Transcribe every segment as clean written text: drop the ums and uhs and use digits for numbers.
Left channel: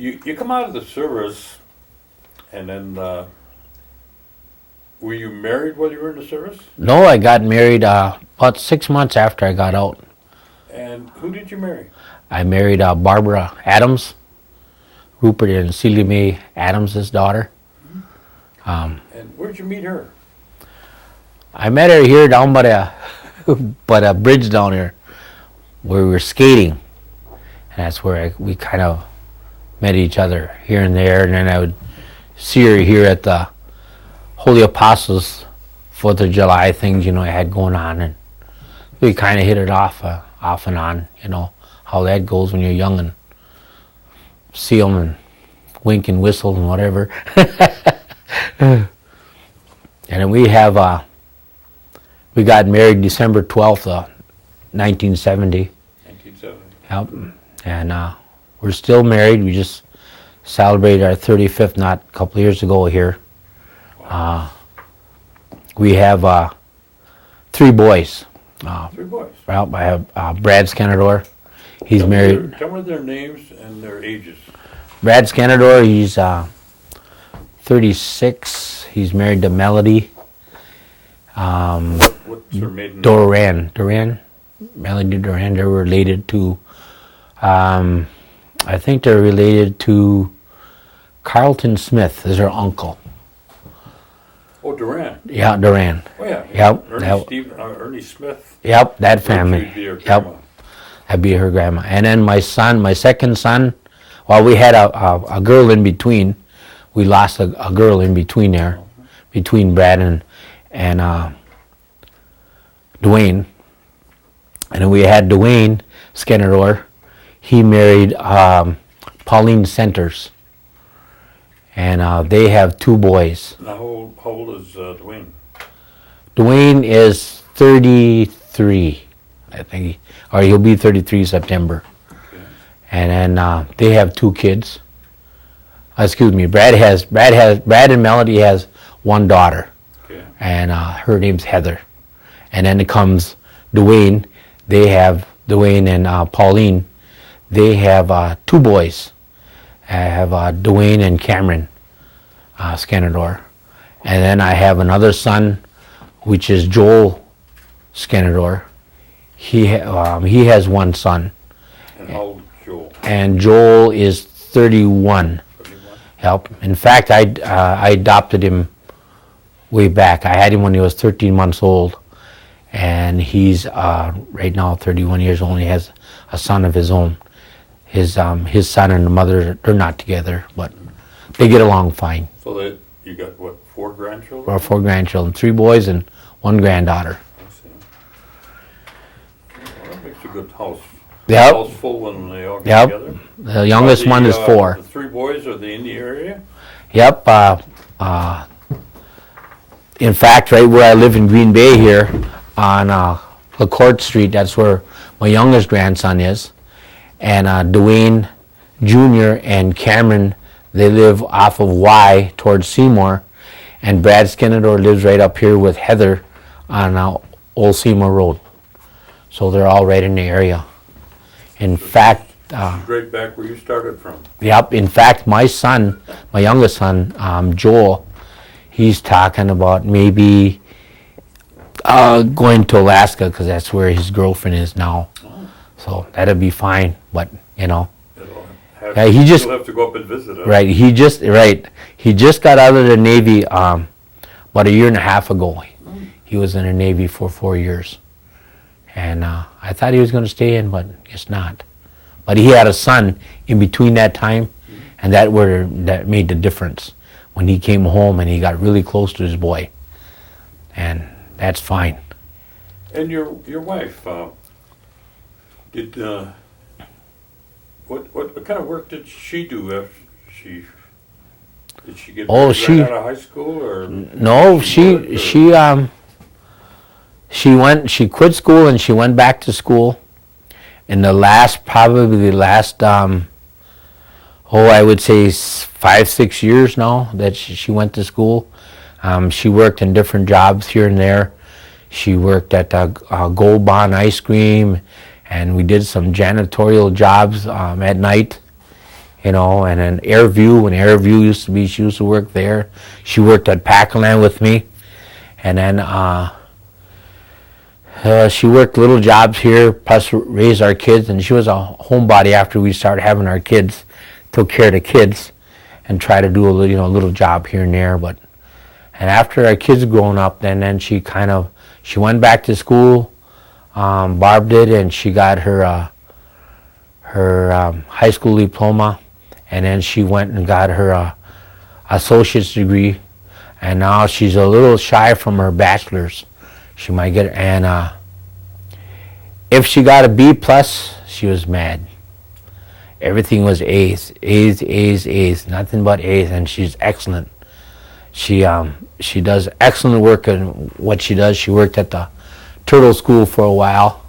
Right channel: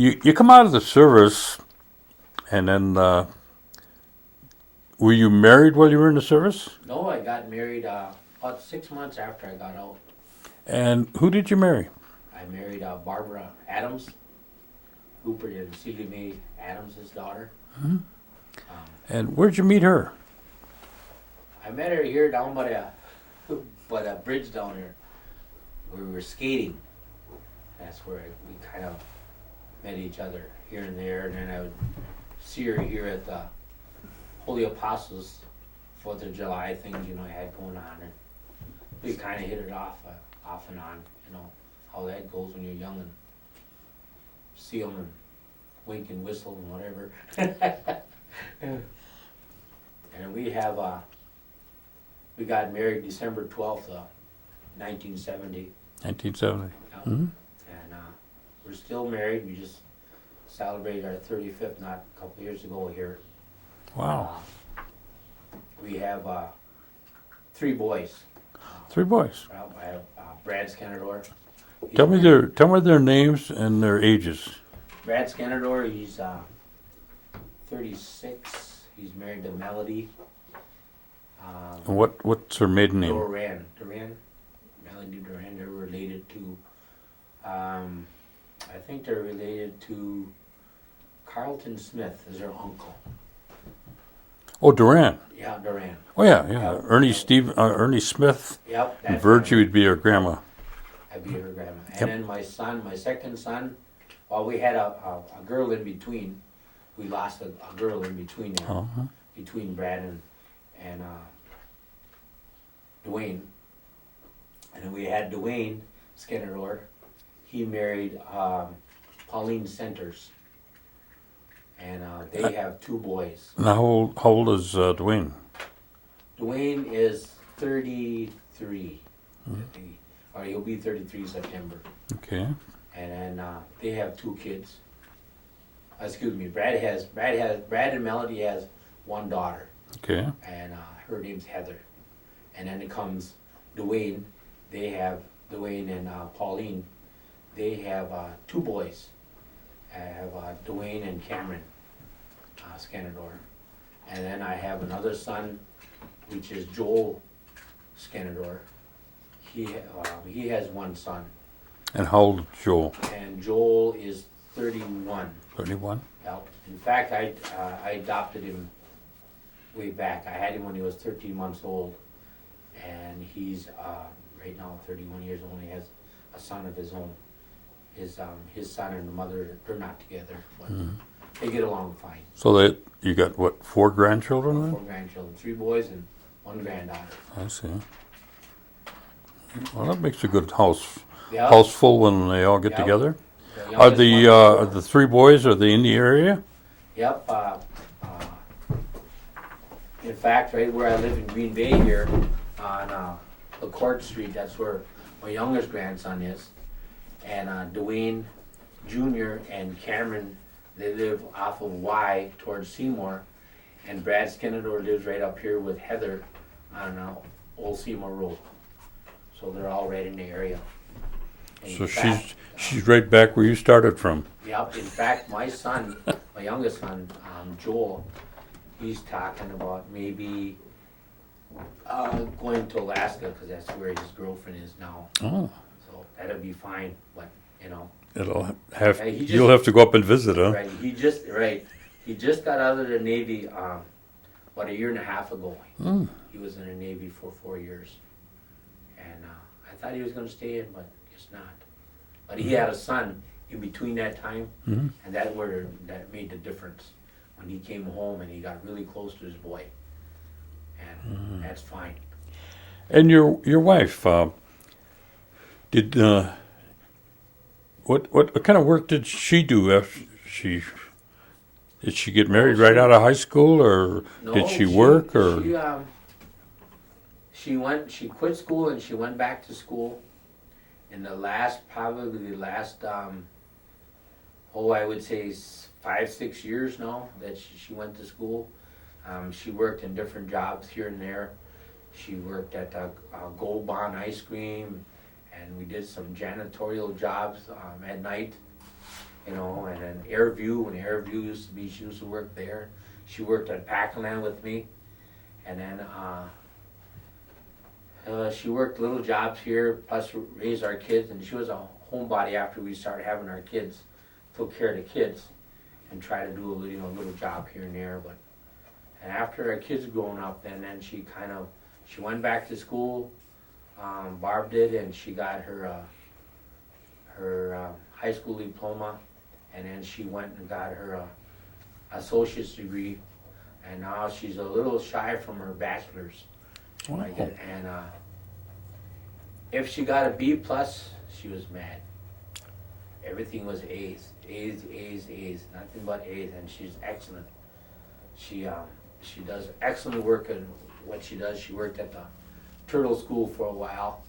you come out of the service, and then were you married while you were in the service? No, I got married about 6 months after I got out. And who did you marry? I married Barbara Adams, Rupert and Celia Mae Adams' daughter. And where'd you meet her? I met her here down by the bridge down here, where we were skating. And that's where we kind of met each other here and there. And then I would see her here at the Holy Apostles 4th of July things, I had going on. And we kind of hit it off and on, how that goes when you're young and see them and wink and whistle and whatever. And then we got married December 12th, 1970. 1970. Yep. And we're still married. We just celebrated our 35th not a couple of years ago here. Wow. We have 3 boys. 3 boys. Well, I have Brad Skenandore. He's Tell married. Tell me their names and their ages. Brad Skenandore, he's 36. He's married to Melody. What's her maiden name? Duran. Melody Duran. They're related to, I think they're related to Carlton Smith, is her uncle. Oh, Duran. Yeah, Duran. Oh, yeah. Yep. Ernie Smith. Yep, that Virtue family. would be her grandma. Yep. That'd be her grandma. And then my second son, well, we had a girl in between. We lost a girl in between there, between Brad and Dwayne. And then we had Dwayne Skenandore. He married Pauline Centers. And they have 2 boys. Now, how old is Dwayne? Dwayne is 33, I think, or he'll be 33 September. Okay. And then they have 2 kids. Excuse me, Brad and Melody has 1 daughter. Okay. And her name's Heather. And then it comes Dwayne. They have Dwayne and Pauline. They have 2 boys. I have Dwayne and Cameron Skenandore. And then I have another son, which is Joel Skenandore. He has 1 son. And how old is Joel? And Joel is 31. 31? Yep. In fact, I adopted him way back. I had him when he was 13 months old. And he's right now 31 years old. He has a son of his own. His son and the mother, they're not together, but they get along fine. So you got, what, 4 grandchildren? Or 4 grandchildren, 3 boys and 1 granddaughter. I see. Well, that makes a good house. Yep. House full when they all get together. The youngest one is 4. The 3 boys, are they in the area? Yep. In fact, right where I live in Green Bay here, on LaCourte Street, that's where my youngest grandson is. And Dwayne Jr. and Cameron, they live off of Y towards Seymour. And Brad Skenandore lives right up here with Heather on Old Seymour Road. So they're all right in the area. In fact... she's right back where you started from. Yep. In fact, my son, my youngest son, Joel, he's talking about maybe going to Alaska because that's where his girlfriend is now. Oh. So that'd be fine, but You'll have to go up and visit him. Right. He just got out of the Navy about 1.5 years ago. He was in the Navy for 4 years, and I thought he was going to stay in, but guess not. But he had a son in between that time, and that made the difference when he came home and he got really close to his boy, and that's fine. And your wife, did what kind of work did she do after did she get married right out of high school, or no? She quit school and she went back to school. In the last I would say 5-6 years now that she went to school. She worked in different jobs here and there. She worked at Gold Bond Ice Cream, and we did some janitorial jobs at night. you know, and then Airview, when Airview used to be, she used to work there. She worked at Packland with me, and then she worked little jobs here, plus raised our kids, and she was a homebody after we started having our kids, took care of the kids, and tried to do a little, you know, little job here and there, but, and after our kids grown up, then she went back to school, Barb did, and she got her high school diploma, and then she went and got her associate's degree, and now she's a little shy from her bachelor's. She might get, and if she got a B plus, she was mad. Everything was A's, A's, A's, A's, nothing but A's, and she's excellent. She does excellent work in what she does. She worked at the Turtle School for a while,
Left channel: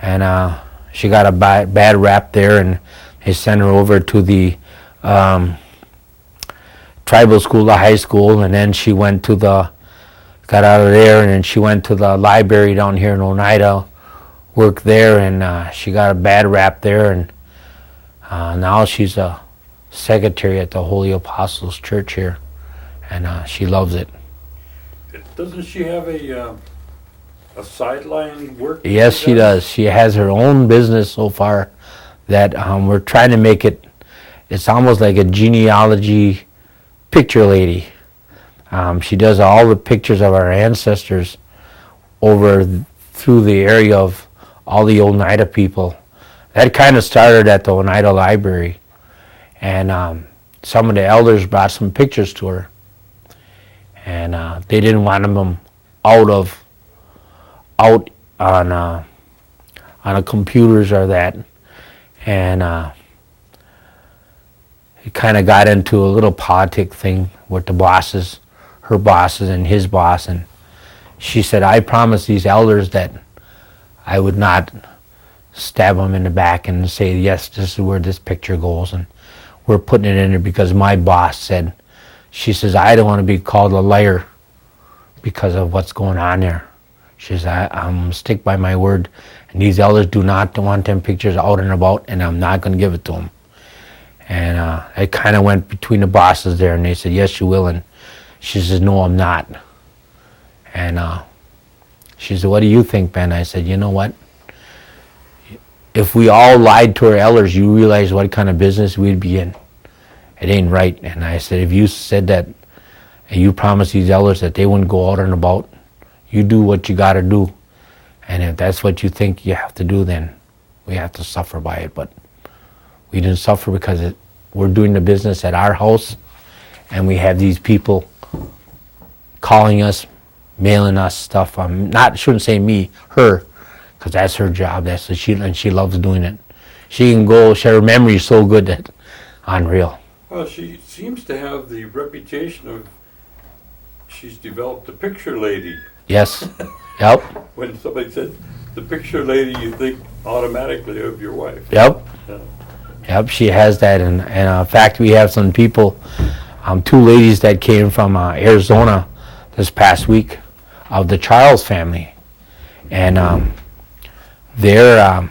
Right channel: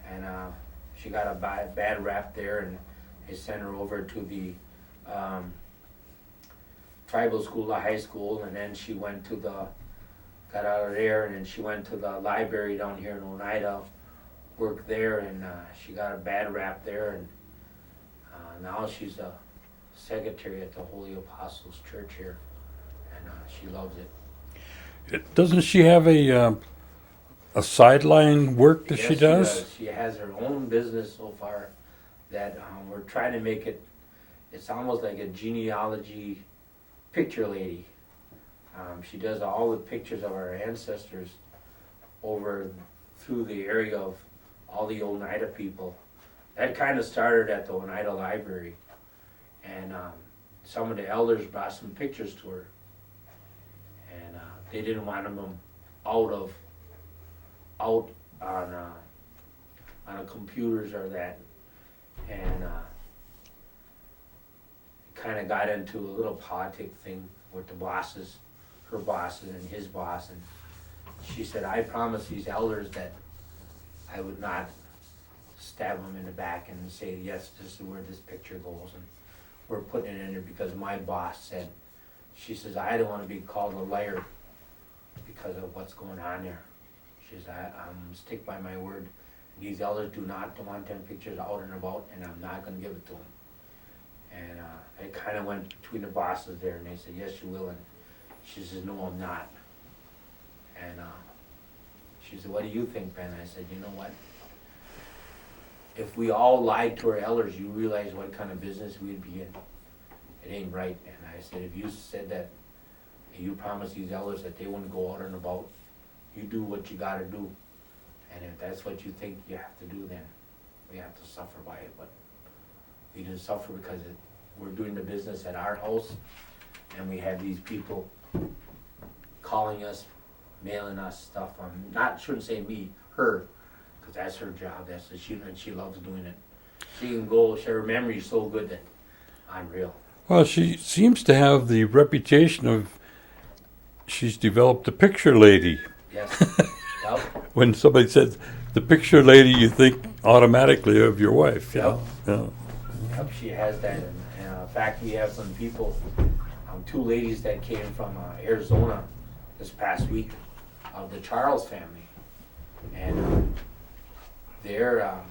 and she got a bad rap there, and they sent her over to the tribal school, the high school, and then she went to got out of there, and then she went to the library down here in Oneida, worked there, and she got a bad rap there, and now she's a secretary at the Holy Apostles Church here, and she loves it. Doesn't she have a sideline work? Yes, she does. She has her own business so far that we're trying to make it, it's almost like a genealogy picture lady. She does all the pictures of our ancestors over through the area of all the Oneida people. That kind of started at the Oneida Library, and some of the elders brought some pictures to her, and they didn't want them out on the computers or that, and it kind of got into a little politic thing with the bosses, her bosses and his boss, and she said, I promised these elders that I would not stab them in the back and say, yes, this is where this picture goes, and we're putting it in there because my boss said, she says, I don't want to be called a liar because of what's going on there. She says, I'm stick by my word, and these elders do not want them pictures out and about, and I'm not going to give it to them. And it kind of went between the bosses there, and they said, yes, you will, and she says, no, I'm not. And she said, what do you think, Ben? I said, you know what? If we all lied to our elders, you realize what kind of business we'd be in. It ain't right. And I said, if you said that, and you promised these elders that they wouldn't go out and about, you do what you got to do. And if that's what you think you have to do, then we have to suffer by it. But we didn't suffer because we're doing the business at our house, and we have these people calling us, mailing us stuff. Shouldn't say me, her, because that's her job. And she loves doing it. She can go. Her memory is so good that unreal. Well, she seems to have the reputation of she's developed a picture lady. Yes. Yep. When somebody says the picture lady, you think automatically of your wife. Yep. Yeah. Yep, she has that, and in fact, we have some people, two ladies that came from Arizona this past week of the Charles family, and they're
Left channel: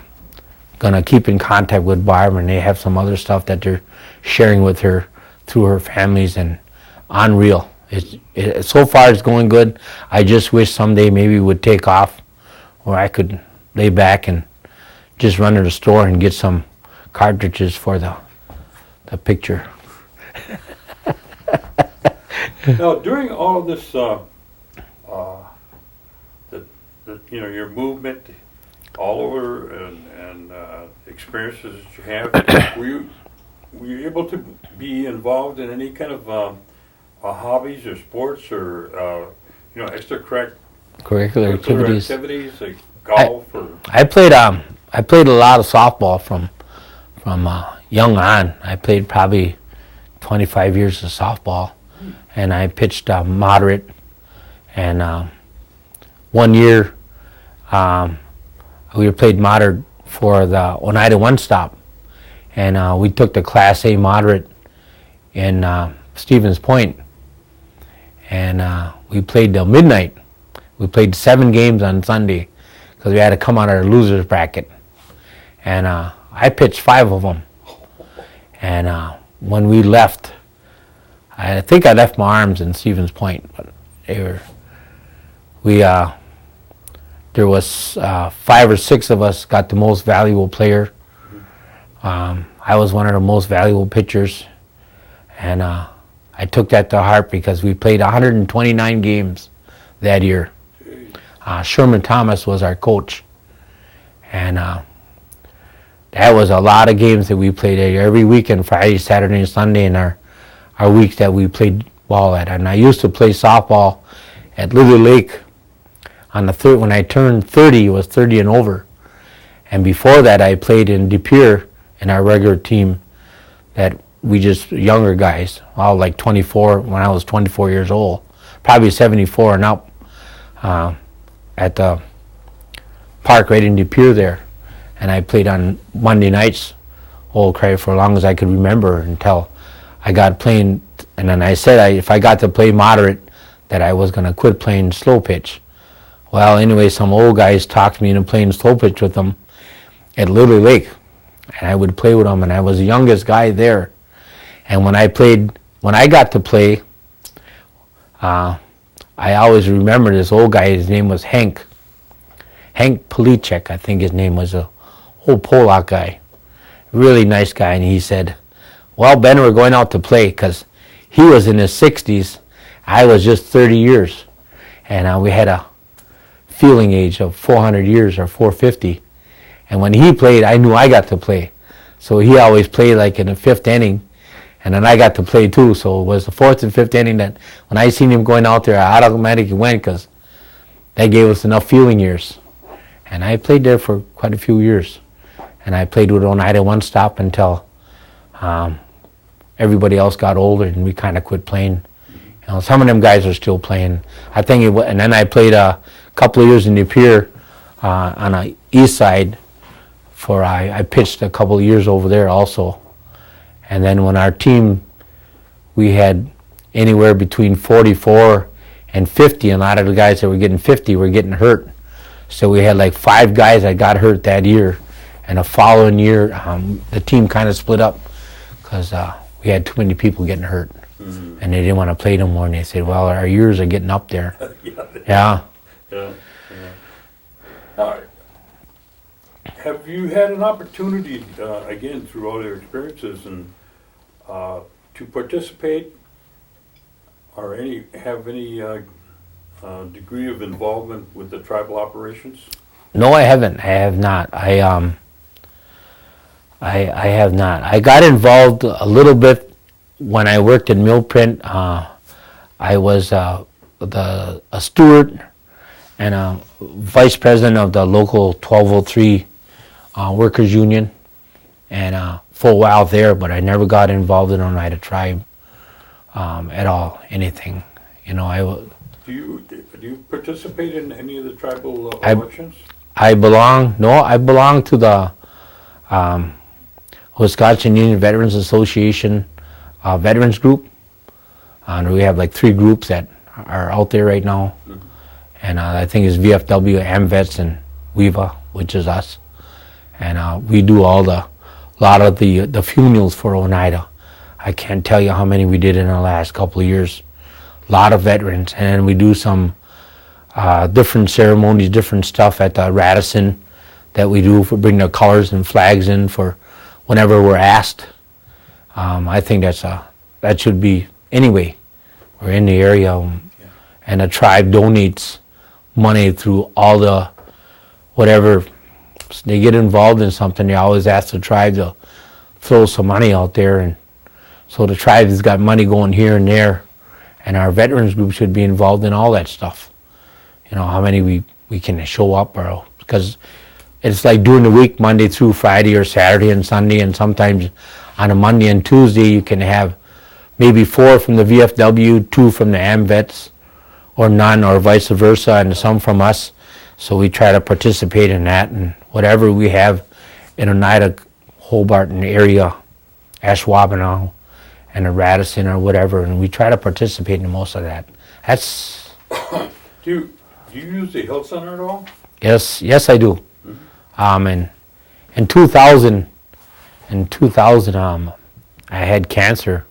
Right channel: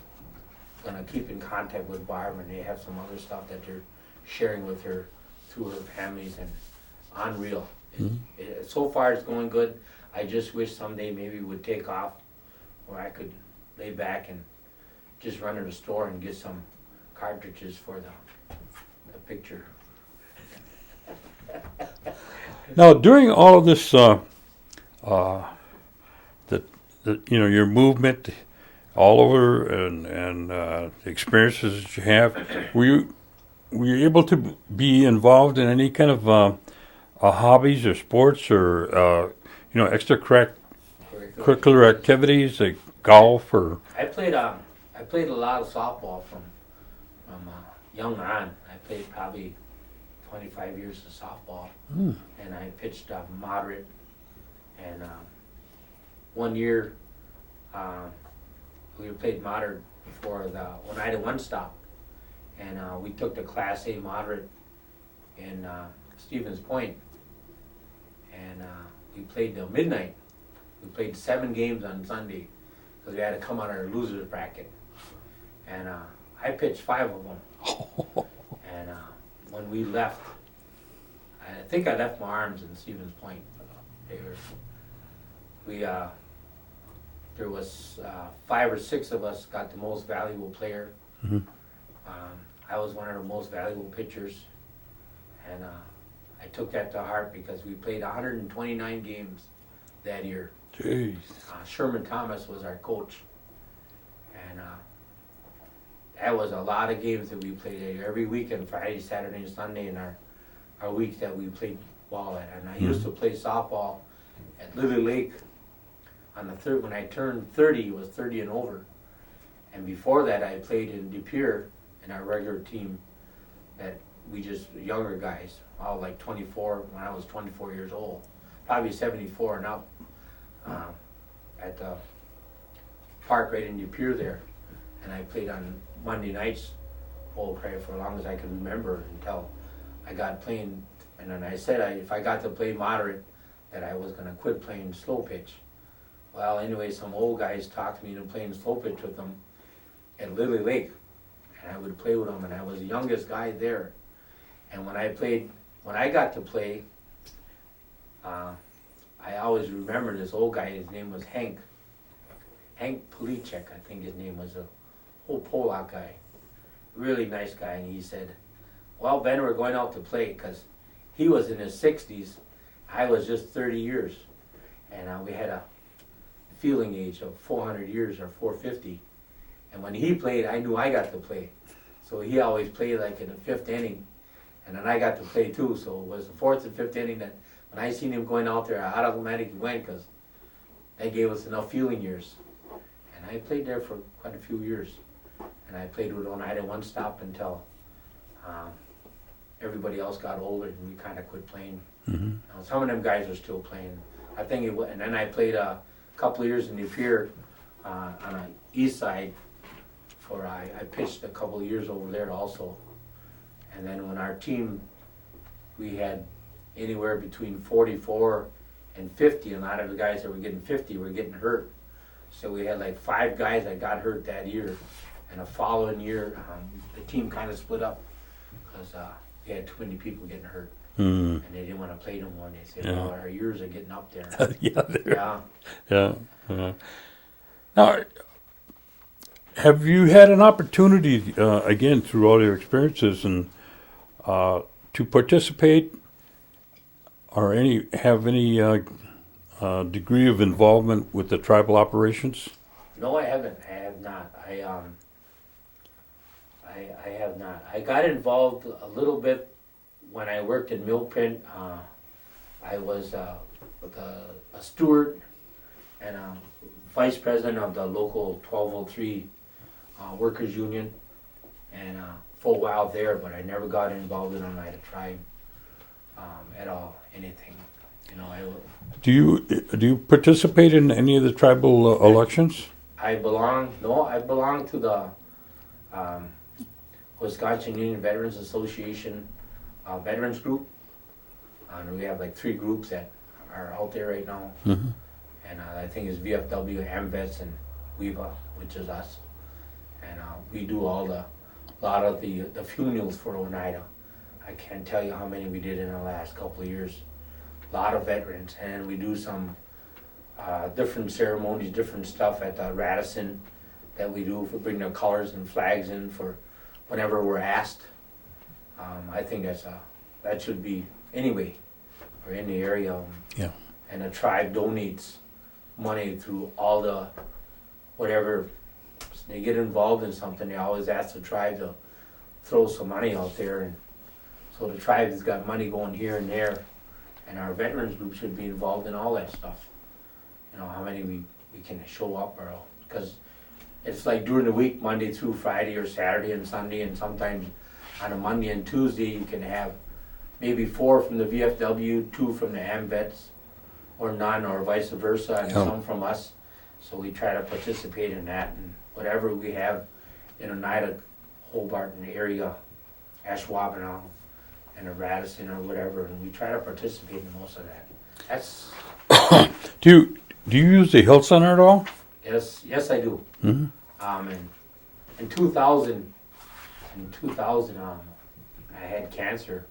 going to keep in contact with Barb, and they have some other stuff that they're sharing with her through her families, and unreal. So far it's going good. I just wish someday maybe it would take off where I could lay back and just run to the store and get some cartridges for the picture. Now, during all of this, your movement all over and the experiences that you have, were you able to be involved in any kind of hobbies or sports or extracurricular activities like golf or? I played a lot of softball from young on. I played probably 25 years of softball, and I pitched moderate. And 1 year, we played moderate for the Oneida One Stop, and we took the Class A moderate in Stevens Point, and we played till midnight. We played 7 games on Sunday because we had to come out of our losers bracket, and I pitched 5 of them. And when we left, I think I left my arms in Stevens Point, but there was 5 or 6 of us got the most valuable player. I was one of the most valuable pitchers, and I took that to heart because we played 129 games that year. Sherman Thomas was our coach, and that was a lot of games that we played every weekend, Friday, Saturday, and Sunday, in our weeks that we played ball at. And I used to play softball at Lily Lake on the third. When I turned 30, it was 30 and over. And before that, I played in De Pere in our regular team. That we just younger guys, all like 24. When I was 24 years old, probably 74 and up, at the park right in De Pere there. And I played on Monday nights, for as long as I could remember, until I got playing. And then I said if I got to play moderate, that I was going to quit playing slow pitch. Well, anyway, some old guys talked me into playing slow pitch with them at Lily Lake, and I would play with them, and I was the youngest guy there. And when I got to play, I always remember this old guy. His name was Hank Policek, I think his name was, a old Polak guy, really nice guy. And he said, well, Ben, we're going out to play, because he was in his 60s. I was just 30 years. And we had a fielding age of 400 years or 450. And when he played, I knew I got to play. So he always played like in the 5th inning. And then I got to play too. So it was the 4th and 5th inning that when I seen him going out there, I automatically went, because that gave us enough fielding years. And I played there for quite a few years. And I played with Oneida one stop until everybody else got older and we kind of quit playing. You know, some of them guys are still playing. I think and then I played a couple of years in De Pere on the east side. I pitched a couple of years over there also. And then when our team, we had anywhere between 44 and 50, and a lot of the guys that were getting 50 were getting hurt. So we had like 5 guys that got hurt that year. And the following year, the team kind of split up because we had too many people getting hurt. And they didn't want to play no more. And they said, well, our years are getting up there. Yeah. Now, have you had an opportunity, again, through all your experiences, and to participate or have any degree of involvement with the tribal operations? No, I haven't. I have not. I have not. I got involved a little bit when I worked in mill print. I was a steward and a vice president of the local 1203 workers union, and for a while there, but I never got involved in Oneida tribe at all, anything. You know, Do you participate in any of the tribal elections? I belong to the Wisconsin Union Veterans Association Veterans Group. And we have like 3 groups that are out there right now. And I think it's VFW, AMVETS, and WEVA, which is us. And we do a lot of the funerals for Oneida. I can't tell you how many we did in the last couple of years. A lot of veterans. And we do some different ceremonies, different stuff at the Radisson that we do for bring the colors and flags in for whenever we're asked. I think that should be, anyway, we're in the area. And the tribe donates money through all the, whatever, they get involved in something, they always ask the tribe to throw some money out there. And so the tribe has got money going here and there. And our veterans group should be involved in all that stuff. You know, how many we can show up, or because it's like during the week, Monday through Friday or Saturday and Sunday, and sometimes on a Monday and Tuesday you can have maybe 4 from the VFW, 2 from the AMVETS, or none, or vice versa, and some from us. So we try to participate in that, and whatever we have in Oneida, Hobart, and the area, Ashwaubenon, and the Radisson or whatever, and we try to participate in most of that. That's. Do you use the Health Center at all? Yes, I do. In 2000, I had cancer,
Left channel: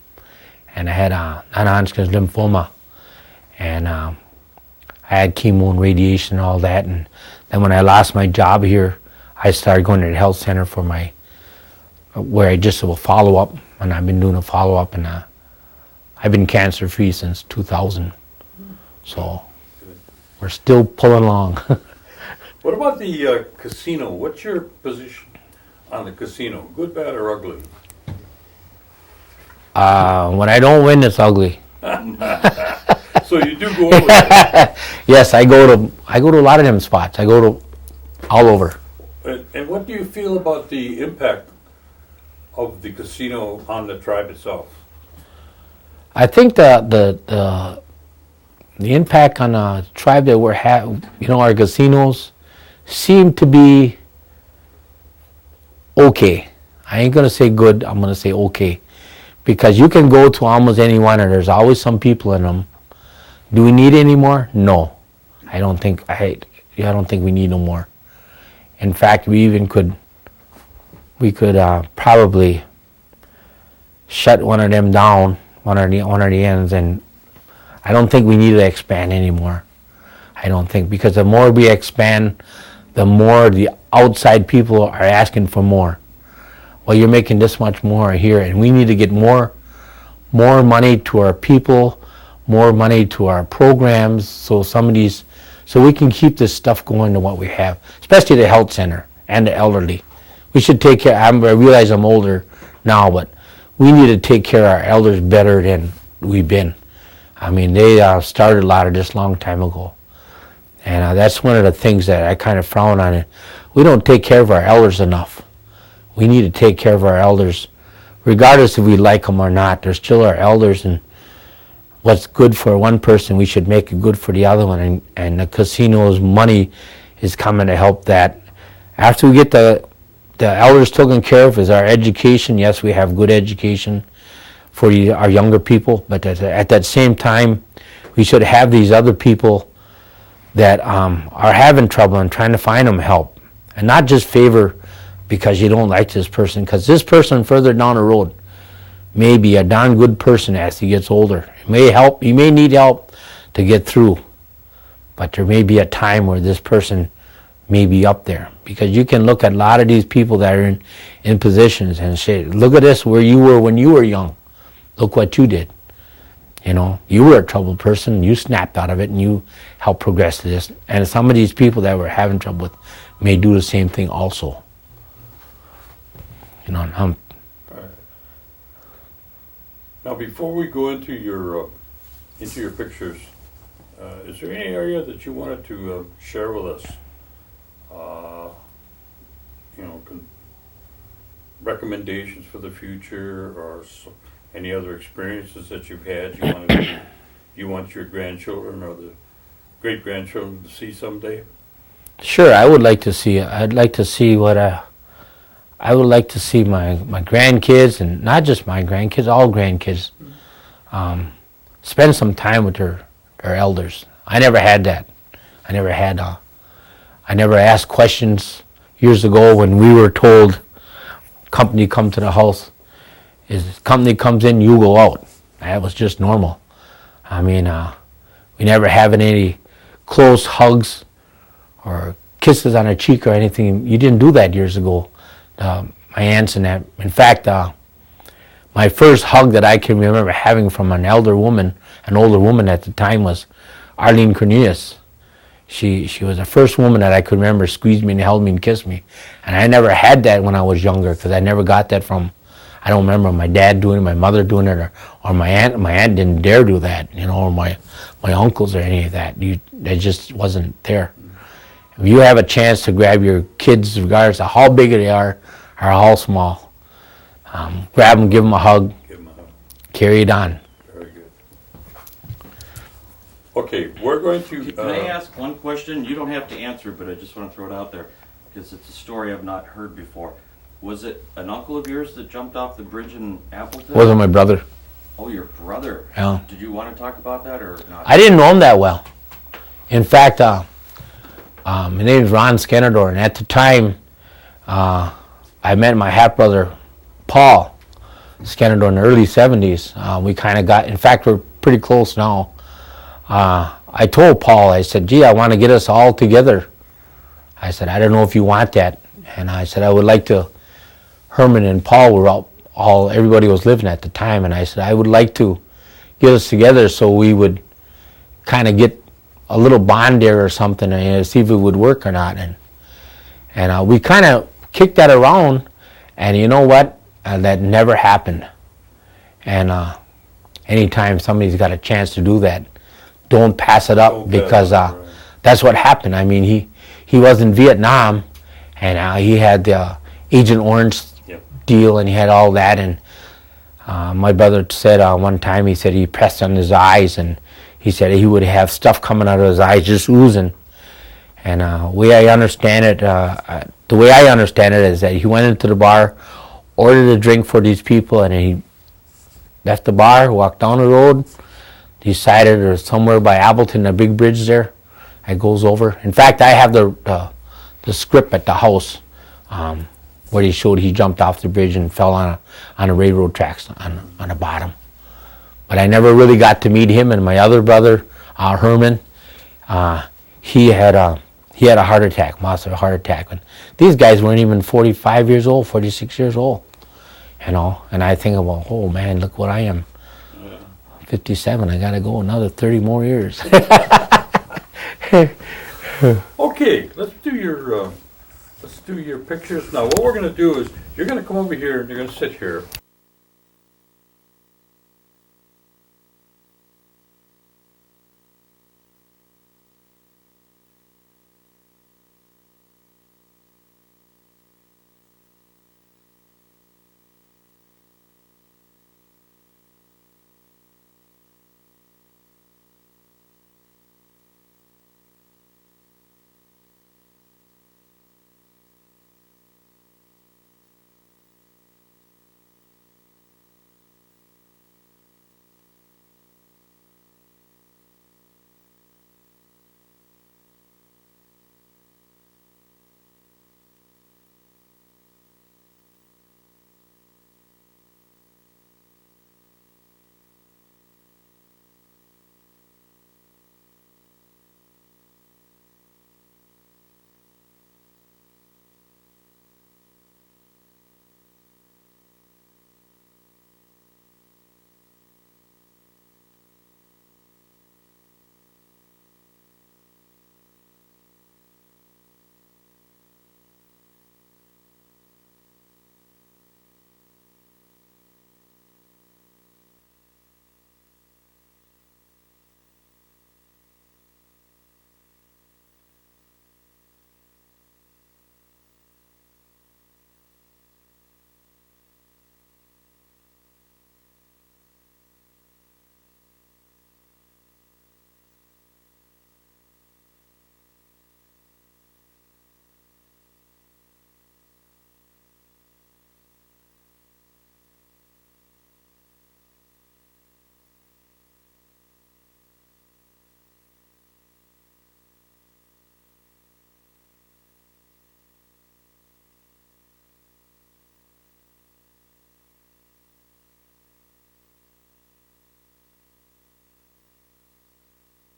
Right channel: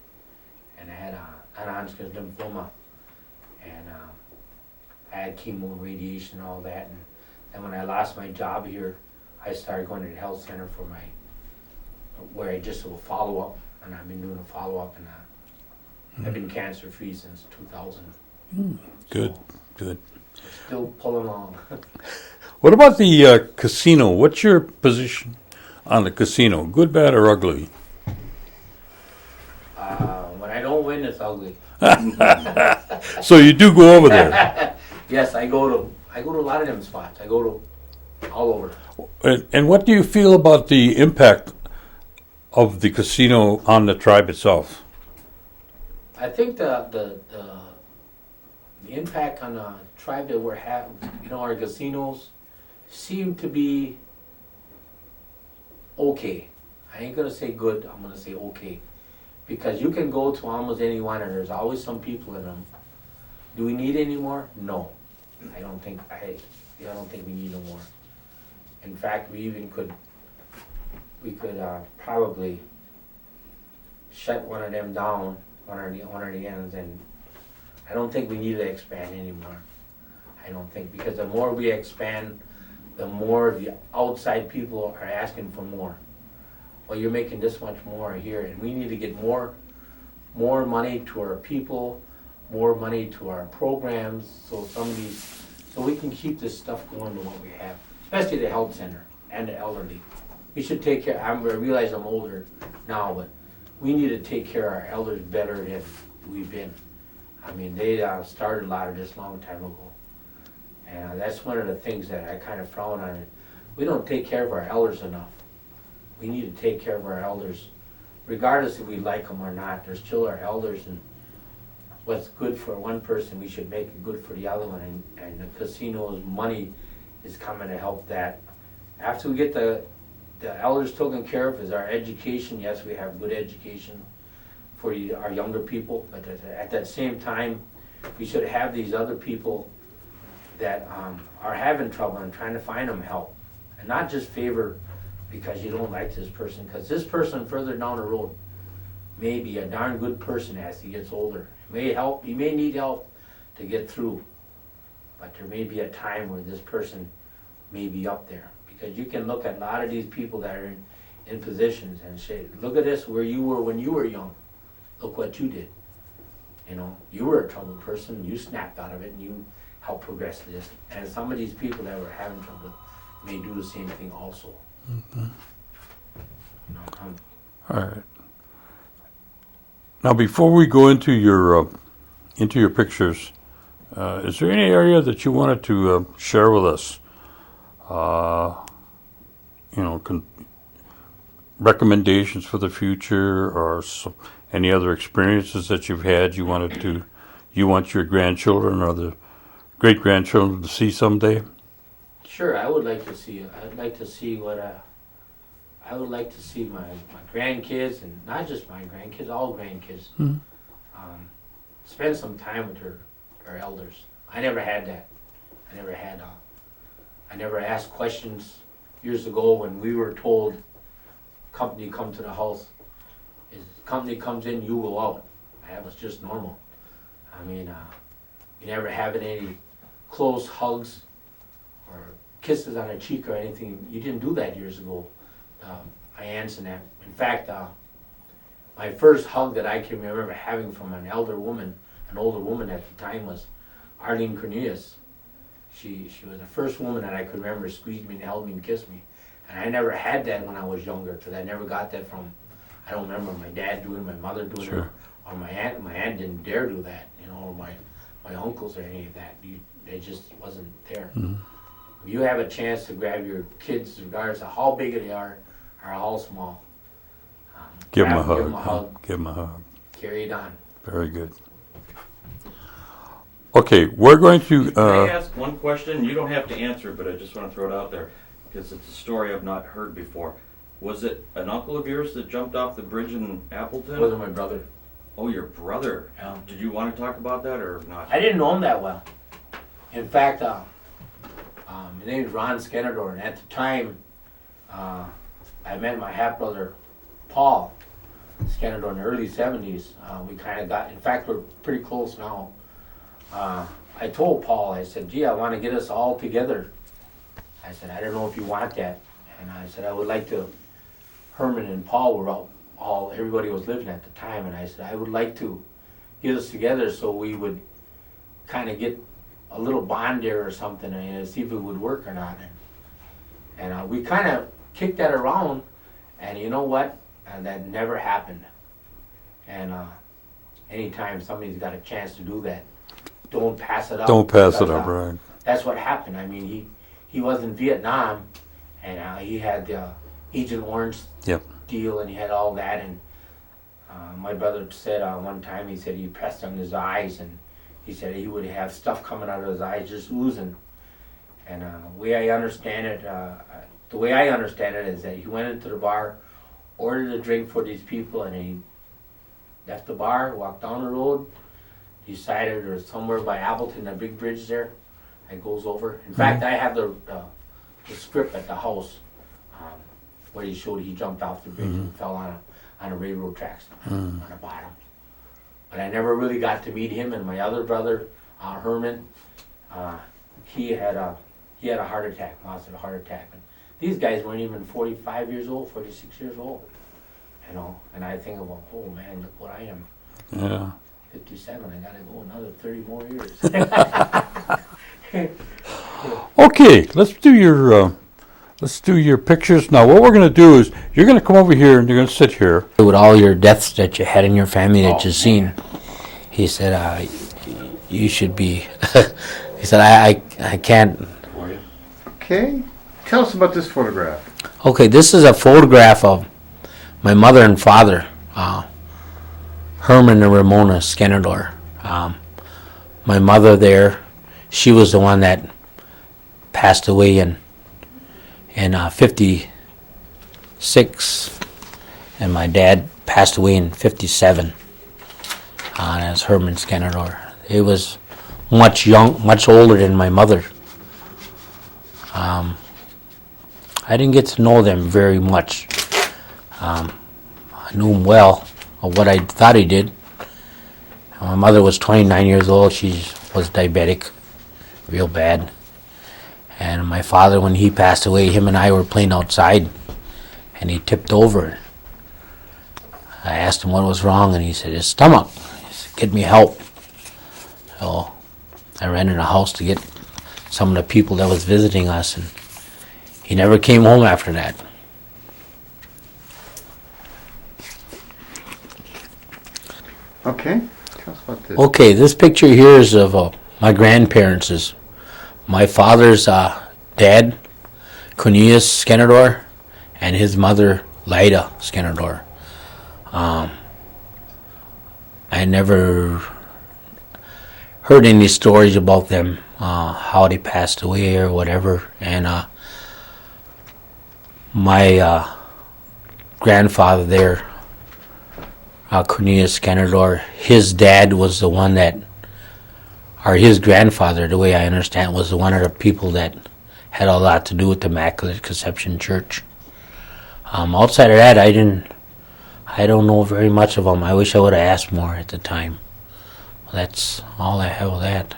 and I had non-Hodgkin's lymphoma, and I had chemo and radiation and all that. And then when I lost my job here, I started going to the health center for where I just will follow up, and I've been doing a follow up, and I've been cancer free since 2000. So Good. we're still pulling along. What about the casino? What's your position on the casino? Good, bad, or ugly? When I don't win, it's ugly. So you do go over there. Yes, I go to a lot of them spots. I go to all over. And what do you feel about the impact of the casino on the tribe itself? I think the impact on the tribe that we're our casinos seem to be okay. I ain't gonna say good. I'm gonna say okay, because you can go to almost any one, and there's always some people in them. Do we need any more? No, I don't think. I don't think we need no more. In fact, we could probably shut one of them down, one of the ends, and I don't think we need to expand anymore. I don't think, because the more we expand, the more the outside people are asking for more. Well, you're making this much more here, and we need to get more money to our people, more money to our programs, so we can keep this stuff going to what we have, especially the health center and the elderly. We should take care. I realize I'm older now, but we need to take care of our elders better than we've been. I mean, they started a lot of this long time ago, and that's one of the things that I kind of frown on. It. We don't take care of our elders enough. We need to take care of our elders, regardless if we like them or not. They're still our elders, and what's good for one person, we should make it good for the other one. And the casino's money is coming to help that. After we get the elders taken care of, is our education. Yes, we have good education for our younger people, but at that same time, we should have these other people that are having trouble and trying to find them help, and not just favor because you don't like this person, because this person further down the road may be a darn good person as he gets older. He may need help to get through, but there may be a time where this person may be up there, because you can look at a lot of these people that are in positions and say, look at this, where you were when you were young. Look what you did. You know, you were a troubled person, you snapped out of it, and you helped progress to this. And some of these people that we're having trouble with may do the same thing also. Mm-hmm. You know, all right. Now, before we go into your pictures, is there any area that you wanted to share with us? Recommendations for the future, or any other experiences that you've had you want your grandchildren or the great-grandchildren to see someday? Sure, I would like to see it. I'd like to see I would like to see my grandkids, and not just my grandkids, all grandkids, spend some time with their elders. I never had that. I never asked questions years ago when we were told, company come to the house. Is company comes in, you go out. That was just normal. I mean, we never having any close hugs or kisses on a cheek or anything. You didn't do that years ago. My aunts and that. In fact, my first hug that I can remember having from an older woman at the time, was Arlene Cornelius. She was the first woman that I could remember squeezed me and held me and kissed me. And I never had that when I was younger, because I never got that from, I don't remember my dad doing it, my mother doing it, or my aunt. My aunt didn't dare do that, or my uncles or any of that. That just wasn't there. Mm. If you have a chance to grab your kids, regardless of how big they are or how small, grab them, give them a hug. Give them a hug. Carry it on. Very good. Okay, we're going to... Can I ask one question? You don't have to answer, but I just want to throw it out there, because it's a story I've not heard before. Was it an uncle of yours that jumped off the bridge in Appleton? Wasn't my brother. Oh, your brother. Yeah. Did you want to talk about that or not? I didn't know him that well. In fact, my name is Ron Skenandore, and at the time, I met my half-brother, Paul, Skenandore in the early 70s. We kind of got, in fact, we're pretty close now. I told Paul, I said, gee, I want to get us all together. I said, I don't know if you want that. And I said, I would like to, Herman and Paul were all everybody was living at the time. And I said, I would like to get us together so we would kind of get a little bond there or something and see if it would work or not. And we kind of kicked that around, and you know what? That never happened. And anytime somebody's got a chance to do that, don't pass it up, because right. that's what happened. I mean, he was in Vietnam, and he had the Agent Orange Yep. deal, and he had all that. And my brother said one time, he said he pressed on his eyes, and he said he would have stuff coming out of his eyes just oozing. And the way I understand it is that he went into the bar, ordered a drink for these people, and he left the bar, walked down the road, decided there's somewhere by Appleton, a big bridge there that goes over. In fact, I have the script at the house where he showed he jumped off the bridge and fell on a railroad tracks on the bottom. But I never really got to meet him. And my other brother, Herman, he had a heart attack, massive heart attack. And these guys weren't even 45 years old, 46 years old, you know. And I think about, oh man, look what I am. Yeah. 57. I got to go another 30 more years. Okay, let's do your pictures. Now what we're going to do is you're going to come over here and you're going to sit here. With all your deaths that you had in your family that you've seen, he said, you should be. He said, I can't. Okay. Tell us about this photograph. Okay, this is a photograph of my mother and father, Herman and Ramona Skenandore. My mother there, she was the one that passed away in 56, and my dad passed away in 57. That's Herman Skenandore. He was much older than my mother. I didn't get to know them very much. I knew him well, or what I thought he did. My mother was 29 years old. She was diabetic, real bad. And my father, when he passed away, him and I were playing outside, and he tipped over. I asked him what was wrong, and he said, his stomach. He said, get me help. So I ran in the house to get some of the people that was visiting us, and he never came home after that. Okay. Tell us about this. Okay, this picture here is of my grandparents. My father's dad, Cornelius Skenandore, and his mother, Lyda Skenandore. I never heard any stories about them, how they passed away or whatever. And my grandfather there, Cornelius Skenandore, his dad was the one that, or his grandfather, the way I understand, was the one of the people that had a lot to do with the Immaculate Conception Church. Outside of that, I don't know very much of them. I wish I would have asked more at the time. That's all I have of that.